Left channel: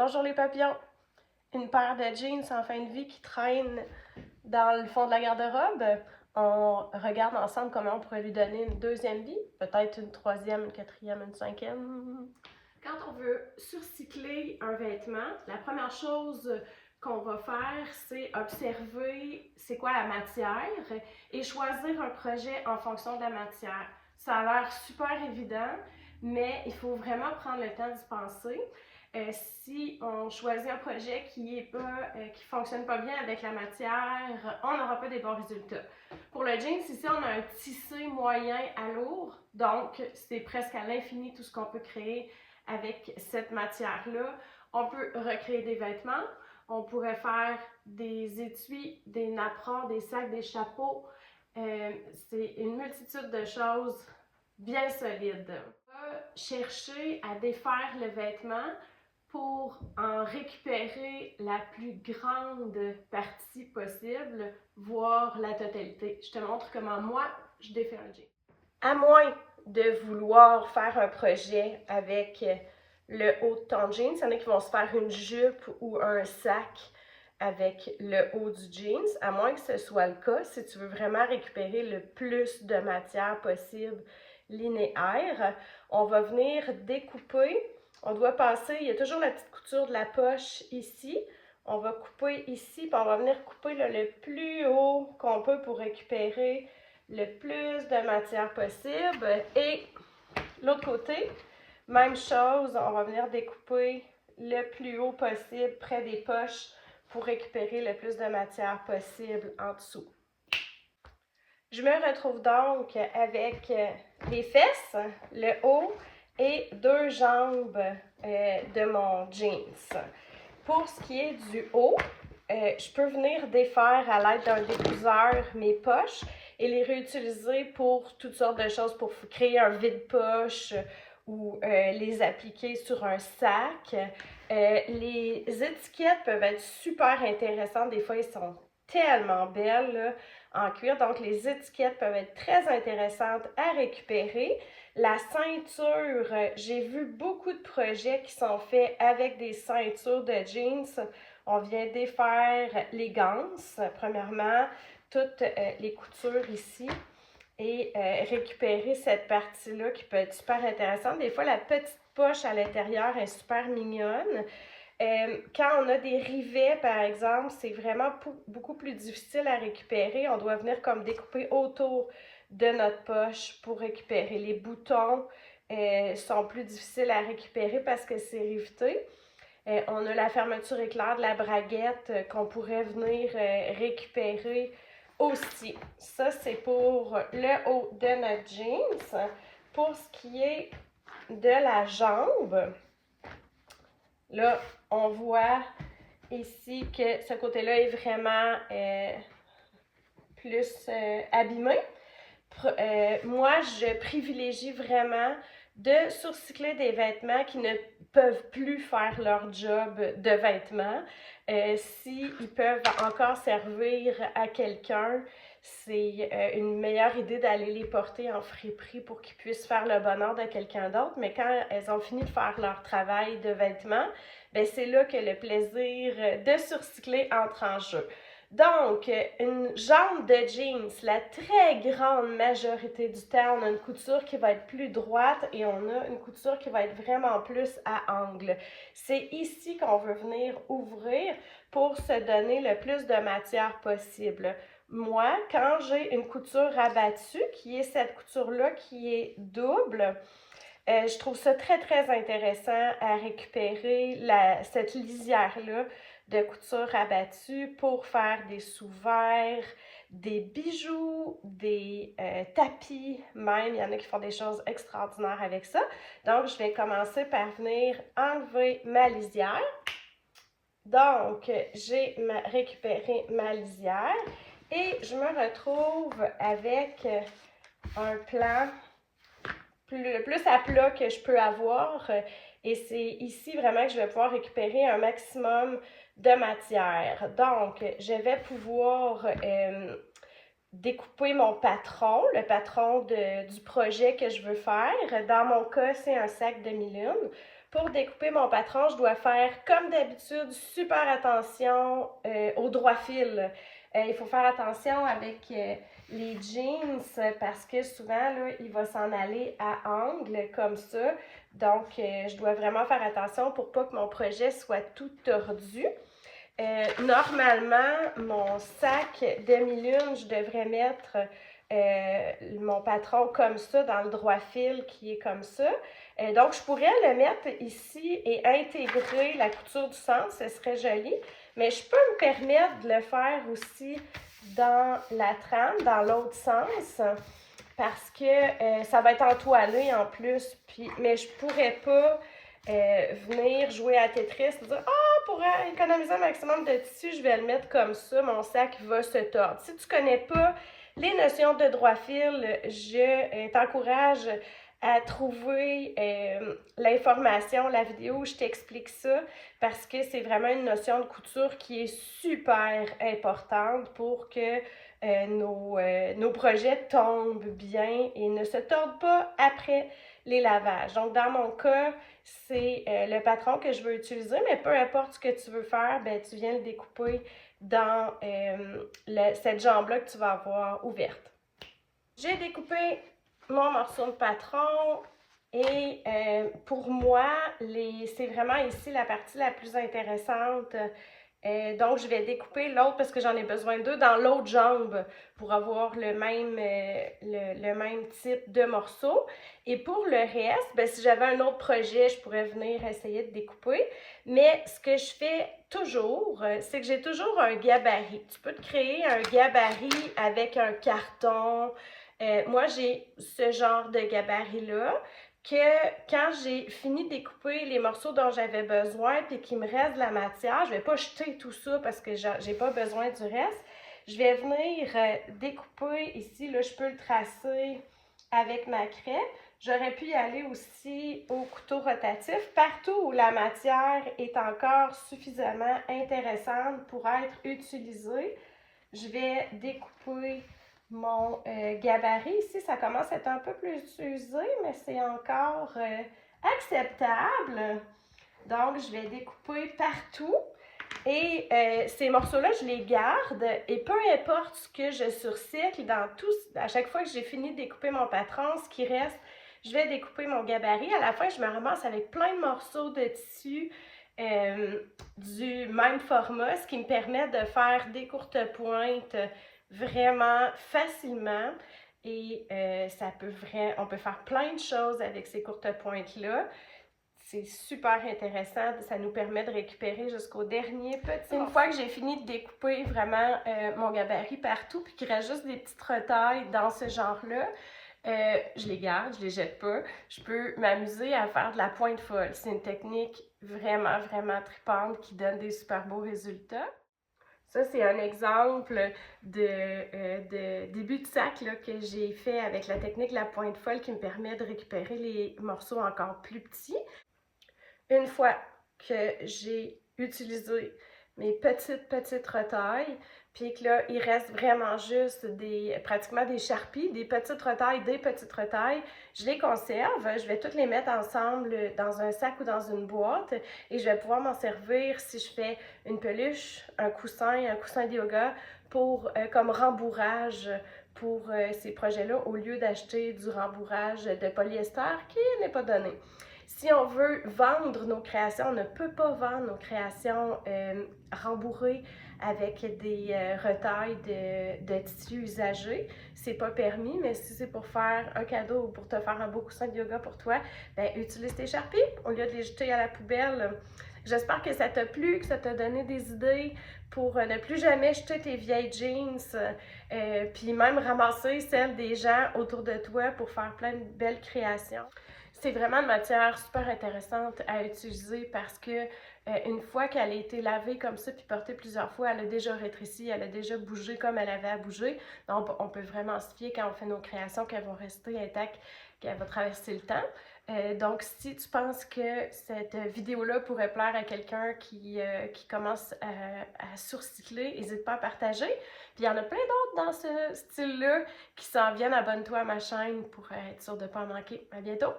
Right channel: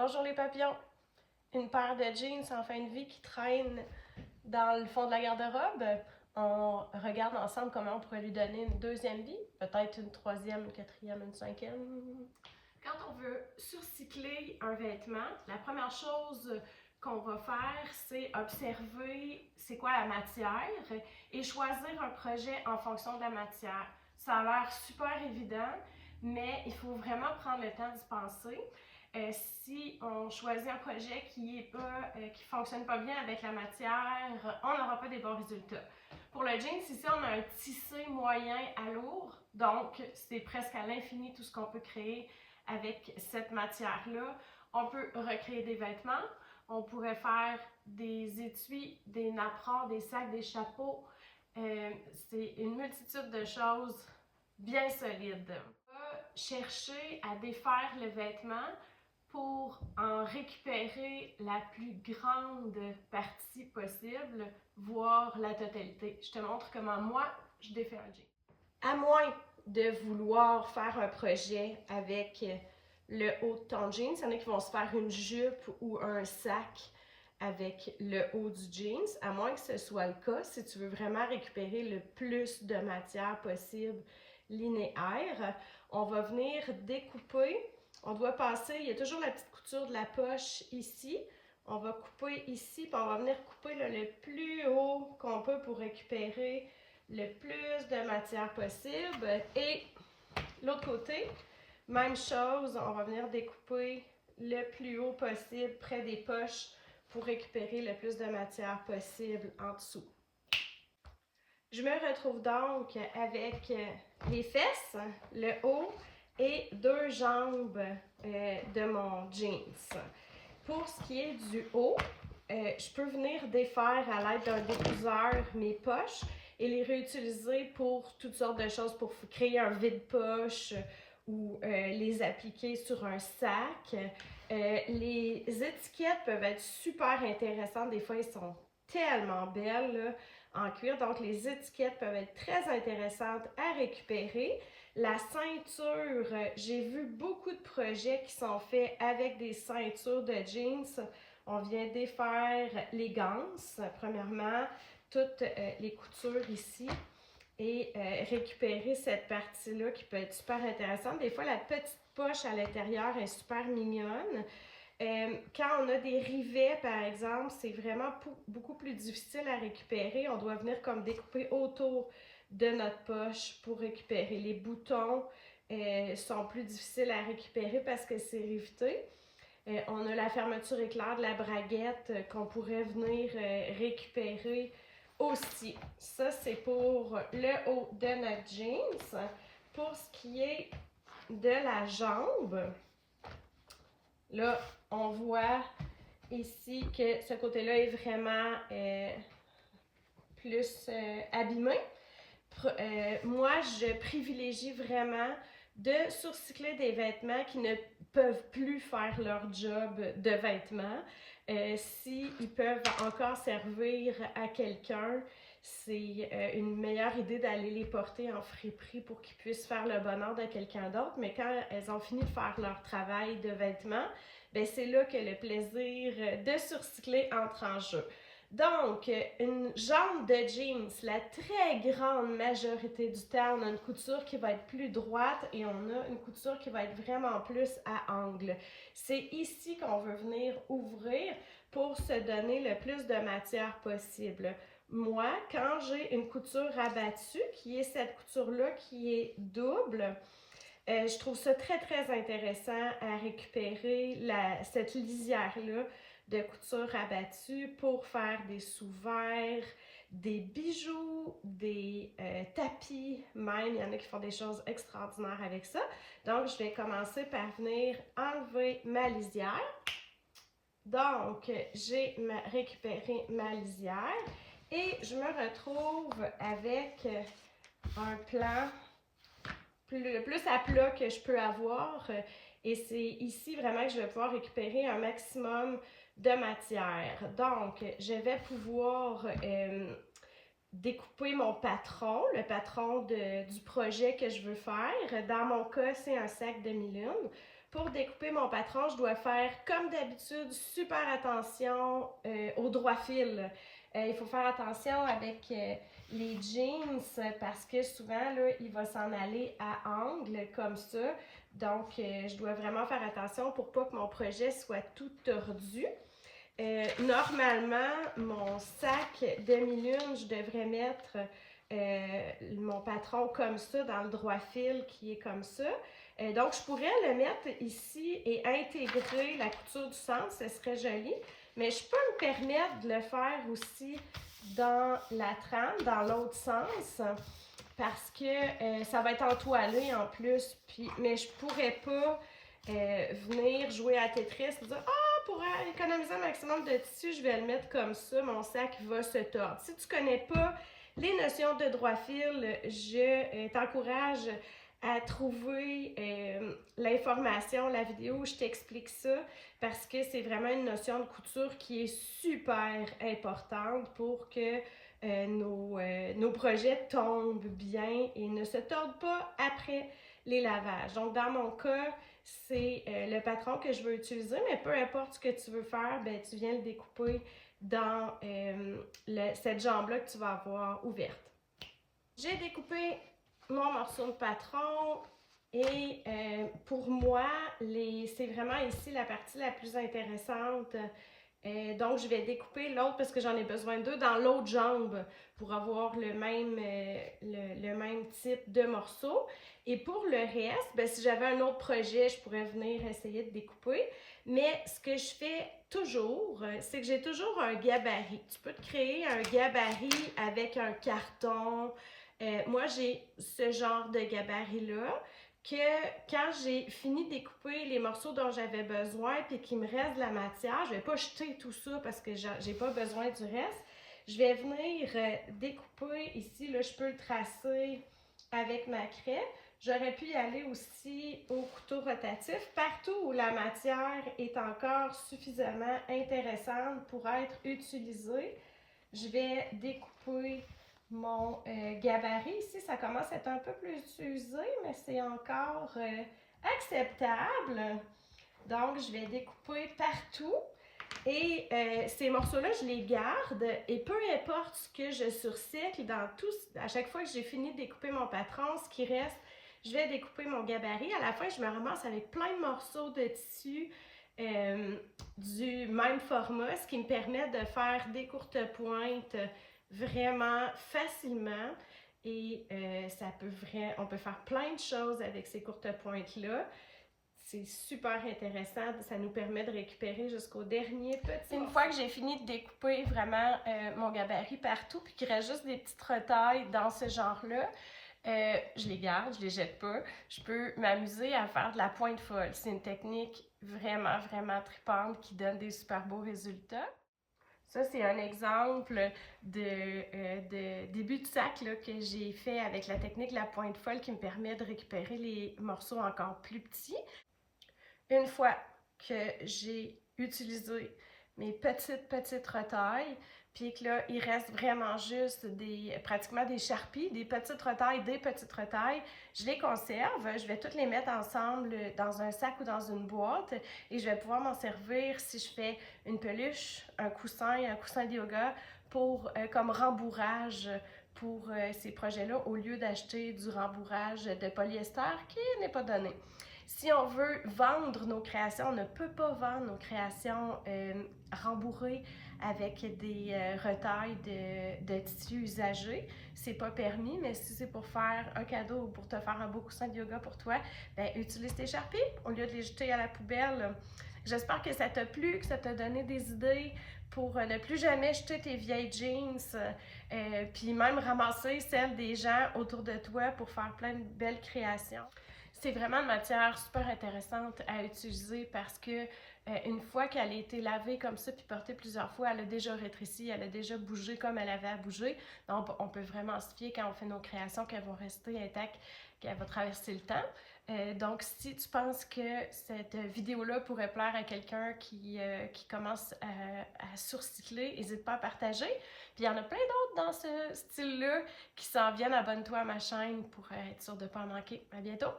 Bonjour les papillons! Une paire de jeans en fin de vie qui traîne dans le fond de la garde-robe. On regarde ensemble comment on pourrait lui donner une deuxième vie, peut-être une troisième, une quatrième, une cinquième. Quand on veut surcycler un vêtement, la première chose qu'on va faire, c'est observer c'est quoi la matière et choisir un projet en fonction de la matière. Ça a l'air super évident, mais il faut vraiment prendre le temps d'y penser. Si on choisit un projet qui fonctionne pas bien avec la matière, on n'aura pas des bons résultats. Pour le jeans, ici, on a un tissé moyen à lourd, donc c'est presque à l'infini tout ce qu'on peut créer avec cette matière-là. On peut recréer des vêtements, on pourrait faire des étuis, des napperons, des sacs, des chapeaux. C'est une multitude de choses bien solides. On va chercher à défaire le vêtement pour en récupérer la plus grande partie possible, voire la totalité. Je te montre comment moi, je défais un jean. À moins de vouloir faire un projet avec le haut de ton jeans, il y en a qui vont se faire une jupe ou un sac avec le haut du jeans, à moins que ce soit le cas, si tu veux vraiment récupérer le plus de matière possible linéaire, on va venir découper. On doit passer, il y a toujours la petite couture de la poche ici. On va couper ici, puis on va venir couper le plus haut qu'on peut pour récupérer le plus de matière possible. Et l'autre côté, même chose, on va venir découper le plus haut possible près des poches pour récupérer le plus de matière possible en dessous. Je me retrouve donc avec les fesses, le haut et deux jambes de mon jeans. Pour ce qui est du haut, je peux venir défaire à l'aide d'un découseur mes poches et les réutiliser pour toutes sortes de choses, pour créer un vide-poche ou les appliquer sur un sac. Les étiquettes peuvent être super intéressantes. Des fois, elles sont tellement belles là, en cuir. Donc, les étiquettes peuvent être très intéressantes à récupérer. La ceinture, j'ai vu beaucoup de projets qui sont faits avec des ceintures de jeans. On vient défaire les ganses, premièrement, toutes les coutures ici et récupérer cette partie-là qui peut être super intéressante. Des fois, la petite poche à l'intérieur est super mignonne. Quand on a des rivets, par exemple, c'est vraiment beaucoup plus difficile à récupérer. On doit venir comme découper autour de notre poche pour récupérer. Les boutons sont plus difficiles à récupérer parce que c'est riveté. On a la fermeture éclair de la braguette qu'on pourrait venir récupérer aussi. Ça, c'est pour le haut de notre jeans. Pour ce qui est de la jambe, là, on voit ici que ce côté-là est vraiment plus abîmé. Moi, je privilégie vraiment de surcycler des vêtements qui ne peuvent plus faire leur job de vêtements. S'ils peuvent encore servir à quelqu'un, c'est une meilleure idée d'aller les porter en friperie pour qu'ils puissent faire le bonheur de quelqu'un d'autre. Mais quand elles ont fini de faire leur travail de vêtements, ben c'est là que le plaisir de surcycler entre en jeu. Donc, une jambe de jeans, la très grande majorité du temps, on a une couture qui va être plus droite et on a une couture qui va être vraiment plus à angle. C'est ici qu'on veut venir ouvrir pour se donner le plus de matière possible. Moi, quand j'ai une couture rabattue, qui est cette couture-là qui est double, je trouve ça très, très intéressant à récupérer cette lisière-là de couture rabattue pour faire des sous-verres, des bijoux, des tapis même. Il y en a qui font des choses extraordinaires avec ça. Donc, je vais commencer par venir enlever ma lisière. Donc, j'ai récupéré ma lisière et je me retrouve avec un plan le plus à plat que je peux avoir. Et c'est ici vraiment que je vais pouvoir récupérer un maximum de matière. Donc, je vais pouvoir découper mon patron, le patron du projet que je veux faire. Dans mon cas, c'est un sac demi-lune. Pour découper mon patron, je dois faire, comme d'habitude, super attention au droit fil. Il faut faire attention avec les jeans parce que souvent, là, il va s'en aller à angle comme ça. Donc, je dois vraiment faire attention pour pas que mon projet soit tout tordu. Normalement, mon sac demi-lune, je devrais mettre mon patron comme ça, dans le droit fil qui est comme ça. Donc, je pourrais le mettre ici et intégrer la couture du centre, ce serait joli. Mais je peux me permettre de le faire aussi dans la trame, dans l'autre sens, parce que ça va être entoilé en plus. Mais je pourrais pas venir jouer à Tetris et dire « Ah, pour économiser un maximum de tissu, je vais le mettre comme ça, mon sac va se tordre. » Si tu connais pas les notions de droit fil, je t'encourage à trouver l'information, la vidéo où je t'explique ça, parce que c'est vraiment une notion de couture qui est super importante pour que nos projets tombent bien et ne se tordent pas après les lavages. Donc, dans mon cas, c'est le patron que je veux utiliser, mais peu importe ce que tu veux faire, ben, tu viens le découper dans cette jambe-là que tu vas avoir ouverte. J'ai découpé mon morceau de patron et pour moi, c'est vraiment ici la partie la plus intéressante. Donc, je vais découper l'autre parce que j'en ai besoin d'eux dans l'autre jambe pour avoir le même type de morceau. Et pour le reste, ben, si j'avais un autre projet, je pourrais venir essayer de découper. Mais ce que je fais toujours, c'est que j'ai toujours un gabarit. Tu peux te créer un gabarit avec un carton. Moi, j'ai ce genre de gabarit-là que quand j'ai fini de découper les morceaux dont j'avais besoin puis qu'il me reste de la matière, je ne vais pas jeter tout ça parce que j'ai pas besoin du reste. Je vais venir découper ici, là, je peux le tracer avec ma craie. J'aurais pu y aller aussi au couteau rotatif, partout où la matière est encore suffisamment intéressante pour être utilisée. Je vais découper mon gabarit. Ici, ça commence à être un peu plus usé, mais c'est encore acceptable. Donc, je vais découper partout. Et ces morceaux-là, je les garde. Et peu importe ce que je surcycle, à chaque fois que j'ai fini de découper mon patron, ce qui reste, je vais découper mon gabarit. À la fin, je me ramasse avec plein de morceaux de tissu du même format, ce qui me permet de faire des courtes pointes vraiment facilement. Et on peut faire plein de choses avec ces courtes pointes-là. C'est super intéressant, ça nous permet de récupérer jusqu'au dernier petit. Une fois que j'ai fini de découper vraiment mon gabarit partout, puis qu'il reste juste des petites retailles dans ce genre-là, je les garde, je les jette pas. Je peux m'amuser à faire de la pointe folle. C'est une technique vraiment, vraiment tripante qui donne des super beaux résultats. Ça, c'est un exemple de début de sac là, que j'ai fait avec la technique de la pointe folle qui me permet de récupérer les morceaux encore plus petits. Une fois que j'ai utilisé mes petites retailles, puis que là, il reste vraiment juste pratiquement des charpies, des petites retailles, je les conserve. Je vais toutes les mettre ensemble dans un sac ou dans une boîte et je vais pouvoir m'en servir si je fais une peluche, un coussin de yoga comme rembourrage pour ces projets-là au lieu d'acheter du rembourrage de polyester qui n'est pas donné. Si on veut vendre nos créations, on ne peut pas vendre nos créations rembourrées avec des retailles de tissu usagé. C'est pas permis, mais si c'est pour faire un cadeau ou pour te faire un beau coussin de yoga pour toi, ben, utilise tes charpies au lieu de les jeter à la poubelle. J'espère que ça t'a plu, que ça t'a donné des idées pour ne plus jamais jeter tes vieilles jeans, puis même ramasser celles des gens autour de toi pour faire plein de belles créations. C'est vraiment une matière super intéressante à utiliser parce que une fois qu'elle a été lavée comme ça puis portée plusieurs fois, elle a déjà rétréci, elle a déjà bougé comme elle avait à bouger. Donc, on peut vraiment se fier quand on fait nos créations qu'elles vont rester intactes, qu'elle va traverser le temps. Donc, si tu penses que cette vidéo-là pourrait plaire à quelqu'un qui commence à surcycler, n'hésite pas à partager. Puis il y en a plein d'autres dans ce style-là qui s'en viennent. Abonne-toi à ma chaîne pour être sûr de ne pas en manquer. À bientôt!